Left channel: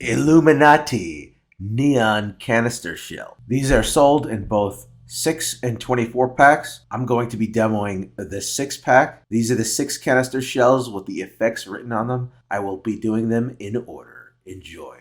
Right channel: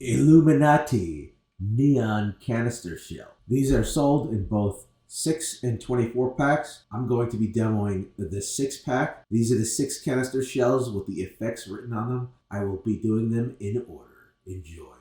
Illuminati neon canister shell. These are sold in both 6 and 24 packs. I'm going to be demoing the 6 pack. These are the 6 canister shells with the effects written on them. I will be doing them in order. Enjoy.